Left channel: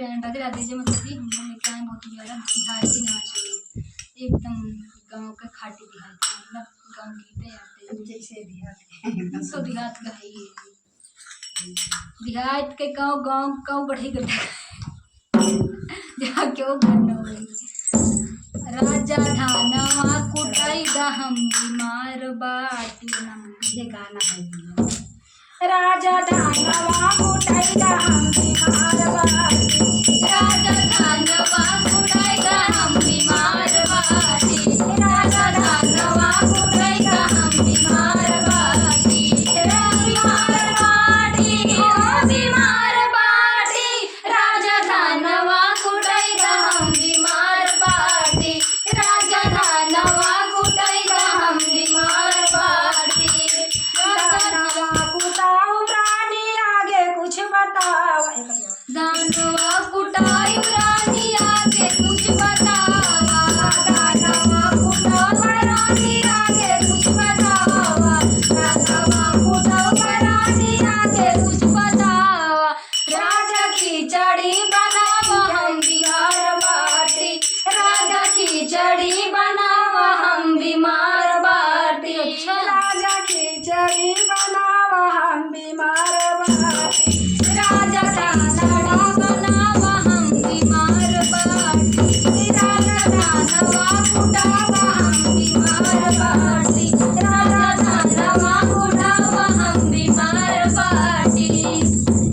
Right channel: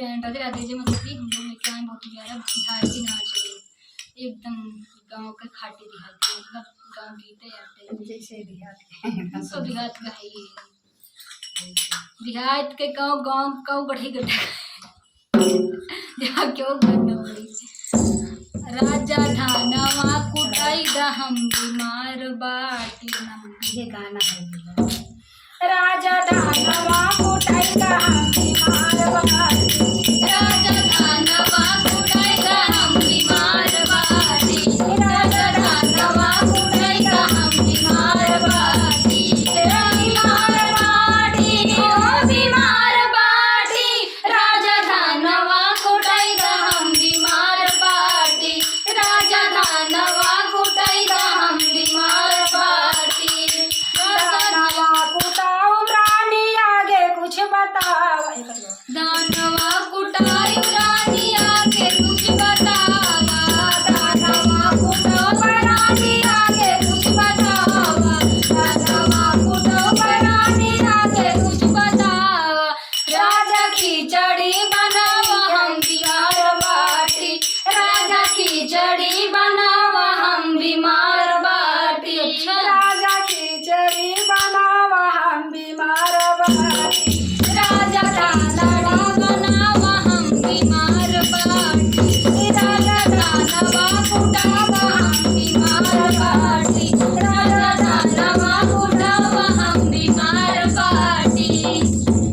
Friend Radhe Radhe जय माता दी। हम लोग लेके आए बहुत ही प्यारा बिहारी नाच है, एकदम गाँव का खाटी देहाती, मतलब गाँव गीते जैसे देहात तो देहात का है ये, देहात के गाँव गाँव गाँव गढ़ी गड्ढा जहाँ क्यों करना हो गई। राजा धानवा कुटाई दा हम बीमार बाटी नम, ये गाना है। राजा धानवा कुटाई दा हम बीमार बाटी, राजा धानवा कुटाई दा हम बीमार बाटी, राजा धानवा कुटाई दा हम बीमार बाटी, बीमार बाटी हो बीमार बाटी, राजा धानवा कुटाई दा हम बीमार बाटी, राजा धानवा कुटाई दा हम बीमार बाटी। दानवा कुटाओ रानी आगे कुछ बताओ, दानवा कुटाई रानी आगे कुछ बतावा, दानवा कुटाओ रानी आगे कुछ बतावा, दानवा कुटाओ रानी आगे कुछ बतावा। राजा खिचड़ी बनावा हम बीमार बाटी, राजा खिचड़ी बनावा हम बीमार बाटी। अच्छा राजा खिचड़ी बनावा हम बीमार बाटी, राजा खिचड़ी बनावा हम बीमार बाटी, राजा धानवा कुटावा हम बीमार बाटी, राजा धानवा कुटावा हम बीमार बाटी।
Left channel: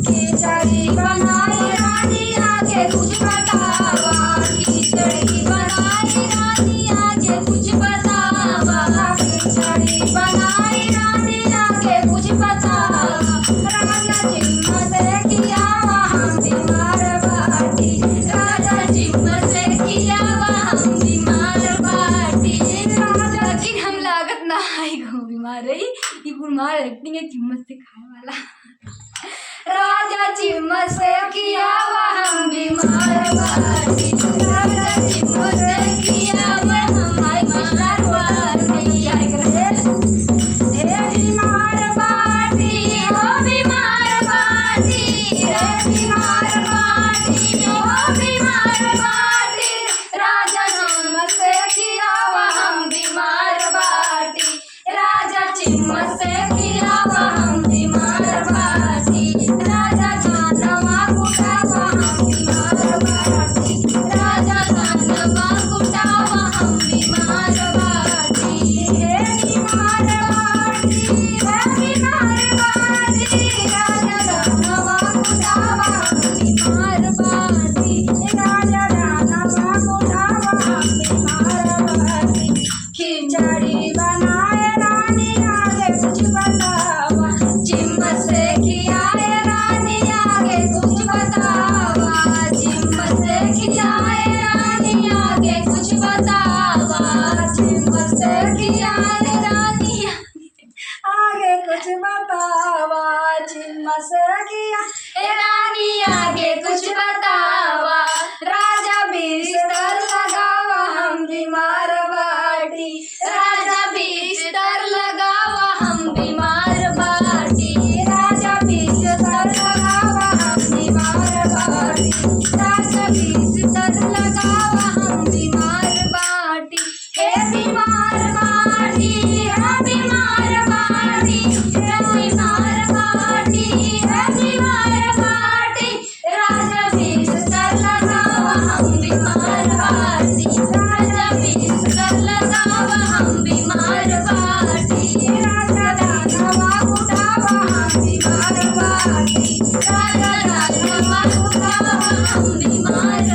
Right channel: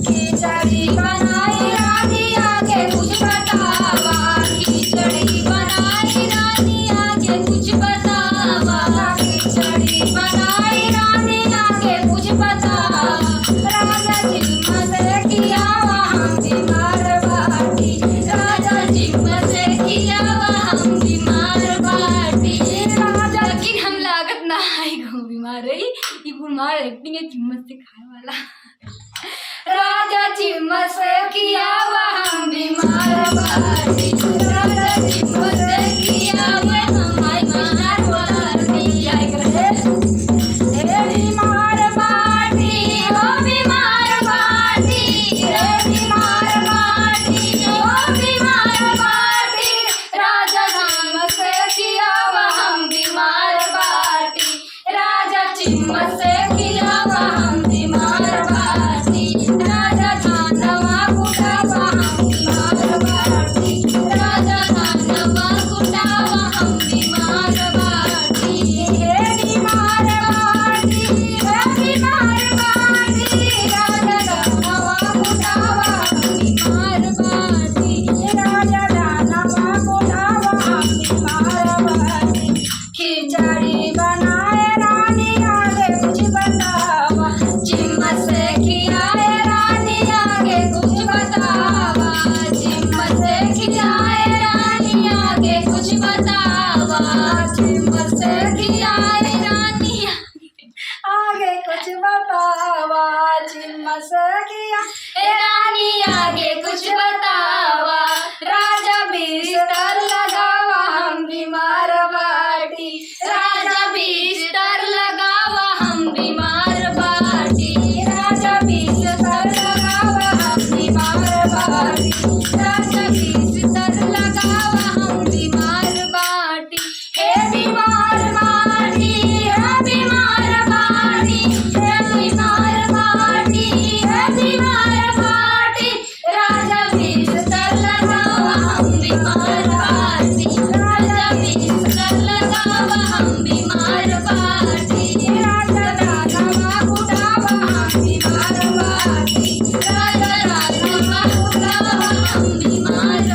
खिचड़ी बनाई रानी आगे कुछ बतावा, खिचड़ी बनाई रानी आगे कुछ बतावा, खिचड़ी बनाई रानी आगे कुछ बतावा। राजा जिम्म से कियावा हम बीमार बाटी, राजा जिम्म से कियावा हम बीमार बाटी। लेकिन हम लागत ना आई गो बीमार रही, ये बीमार एक्टिंग है जिम्म से खाए वाला। राजा जिम्म से कियावा हम बीमार बाटी, राजा जिम्म से कियावा हम आई मास्टर बोला नहीं आए करे। बीमार बाटी ओ बीमार बाटी, बीमार बाटी ओ बीमार बाटी, राजा जिम्म से कियावा हम बीमार बाटी, राजा जिम्म से कियावा हम बीमार बाटी, राजा धानवा कुटावा हम बीमार बाटी, राजा धानवा कुटावा हम बीमार बाटी। हे बीमार बाटी ओ बीमार बाटी, राजा धानवा कुटावा हम बीमार बाटी, राजा दानवा कुटावा हम बीमार बाटी। खिचड़ी बनाए रानी आगे कुछ बतावा, जिम्म से खियाए रानी आगे कुछ बतावा, जिम्म से खियाए रानी आगे कुछ बतावा, जिम्म से खियाए रानी आगे कुछ बतावा, जिम्म से किया रानी आगे कुछ बतावा। राजा बिस्तर लगावा हम बीमार बाटी, राजा बिस्तर लगावा हम बीमार बाटी, राजा बिस्तर लगावा हम बीमार बाटी, राजा बिस्तर लगावा हम बीमार बाटी। हे बीमार बाटी हो बीमार बाटी, हे बीमार बाटी हे बीमार बाटी, राजा बिस्तर लगावा हम बीमार बाटी, राजा बिस्तर लगावा हम बीमार बाटी, राजा धानवा कुटावा हम बीमार बाटी, राजा धानवा कुटावा हम बीमार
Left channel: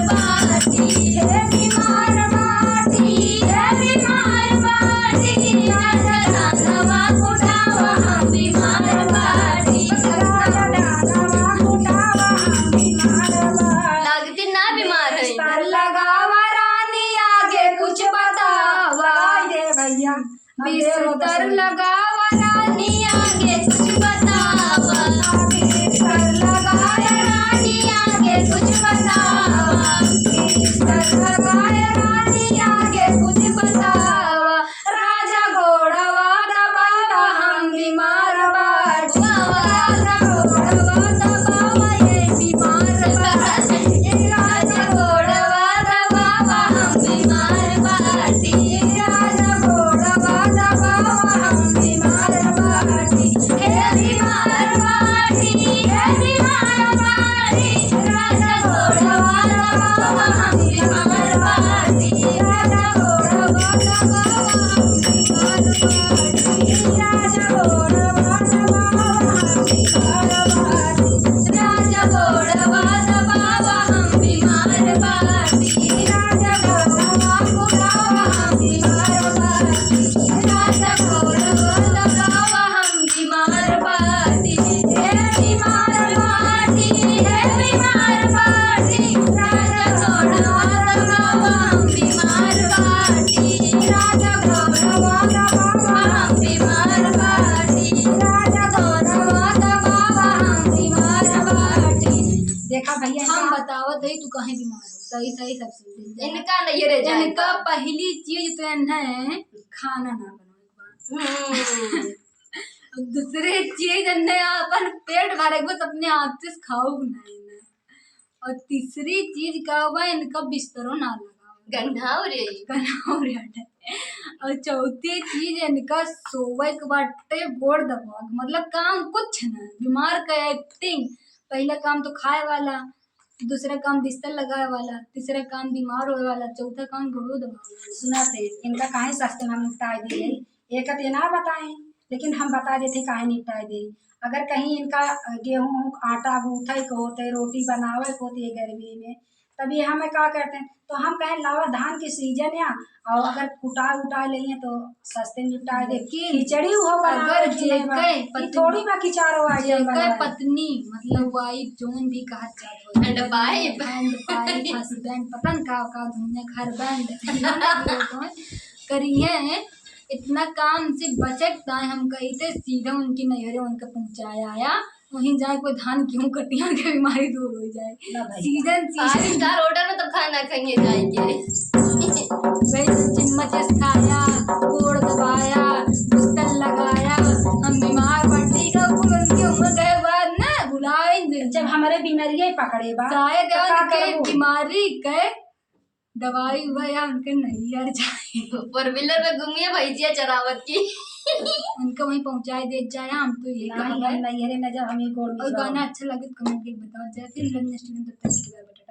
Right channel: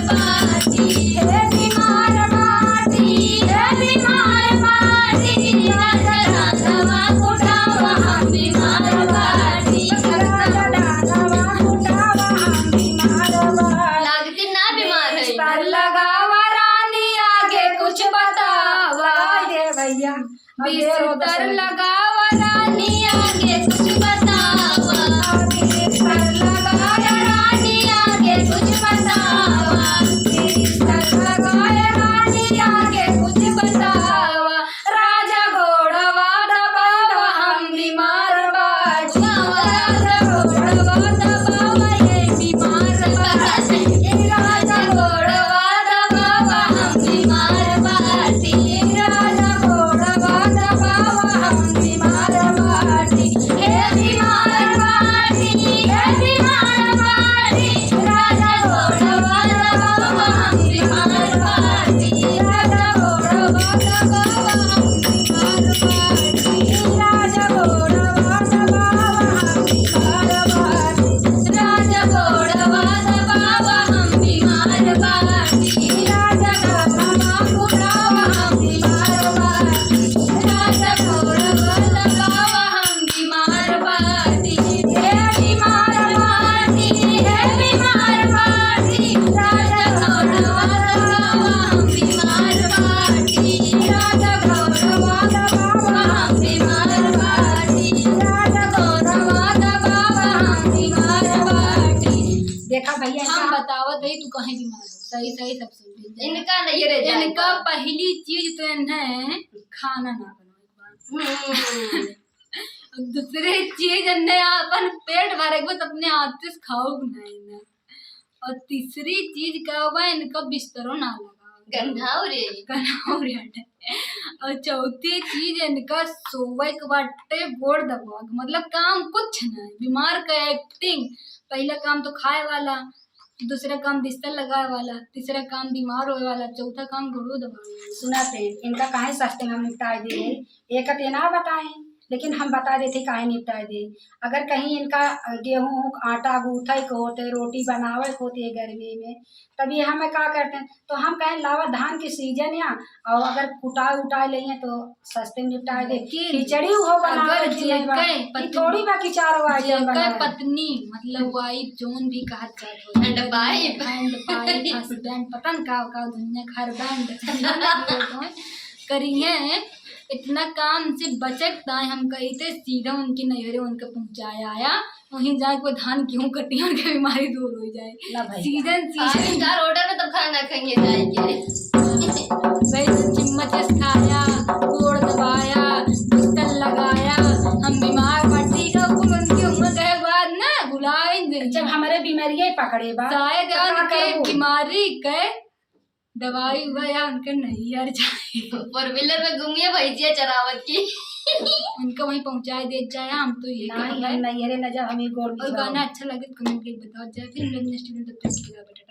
दबावा हम बीमार बाटी राजा घोड़वा दबावा हम बीमार बाटी राजा घोड़वा दबावा हम बीमार बाटी राजा घोड़वा बुलावा हम बीमार बाटी राजा घोड़वा दबावा हम बीमार बाटी हे बीमार बाटी हे बीमार बाटी राजा घोड़वा दबावा हम बीमार बाटी राजा घोड़वा दबावा हम बीमार बाटी राजा घोड़वा दबावा हम बीमार बाटी। देखा भैया हम बतावत भाई तू कहीं बीमार हो सही सही सब सुन लीजिए। इनका नहीं रे इनका पहली चीज तो है खाना ना बनाओ एक बार। दूसरी चीज ने अपन पेट भरे के बाद अपने हाथ से खाओ नहीं ना। और तीसरी चीज का हुआ इनका बिस्तरों ना लगाओ गंधाव रे बनाओ रे हटे। और चौथी चीज इनका सोवे के बाटे गोड़ दबाओ मतलब काम कुछ नहीं बीमार का एक्टिंग। पहला काम तो खाए वाला दूसरा काम बिस्तर लगाए वाला तीसरा काम बीमार होए वाला चौथा काम गोड़ो दबाए वाला। सुना थे इनका काहे सस्ते में निपटाए दिए एक तो ना बताएं लेकिन हम बता देते काहे निपटाए दे। अगर कहीं इनका गेहूँ आटा गूथे को होते रोटी बनावे को होती है गर्मी में तभी हमें क्या करते हैं तो हम कहें लावा धान की सीजन या और अगर कुटा उटा लेंगे तो सस्ते में निपटाए दे। खिचड़ी हो अगर थोड़ी बाकी चार पत्नी मतलब वाइफ जोन भी कहा जात And wife. हस्बैंड पतन का दुनिया घर बैंड करिए इतना काम से बचकता है हम कही थे सीधा उनकी नैहरे उनके पहुँचाया आया वहीं जाए कोई धान गेहूँ कटी उनकी बीमारी दूर हो जाए। सीजन स्टार होटल में तो खाना खाएंगे जाएंगे वही चम्मच खाया गोड़ दबाया बिस्तर लगाया हम बीमार पट्टी का उनकी उम्र गए बाद ना बुलाए जब हमारे बीमारियाँ पकड़े बा शायद उनके बीमारी के दवाई या उनके नहीं यार जाए फोर व्हीलर में घूमिए भैजिया चरावत की उनका वहीं पहुंचाए दे जाए। हम तो ये नहीं न जब हमें गोड़ और गाना अच्छा लगे तो कमेंट करके बताओ। जय फिर नेक्स्ट वीडियो तब तक के लिए।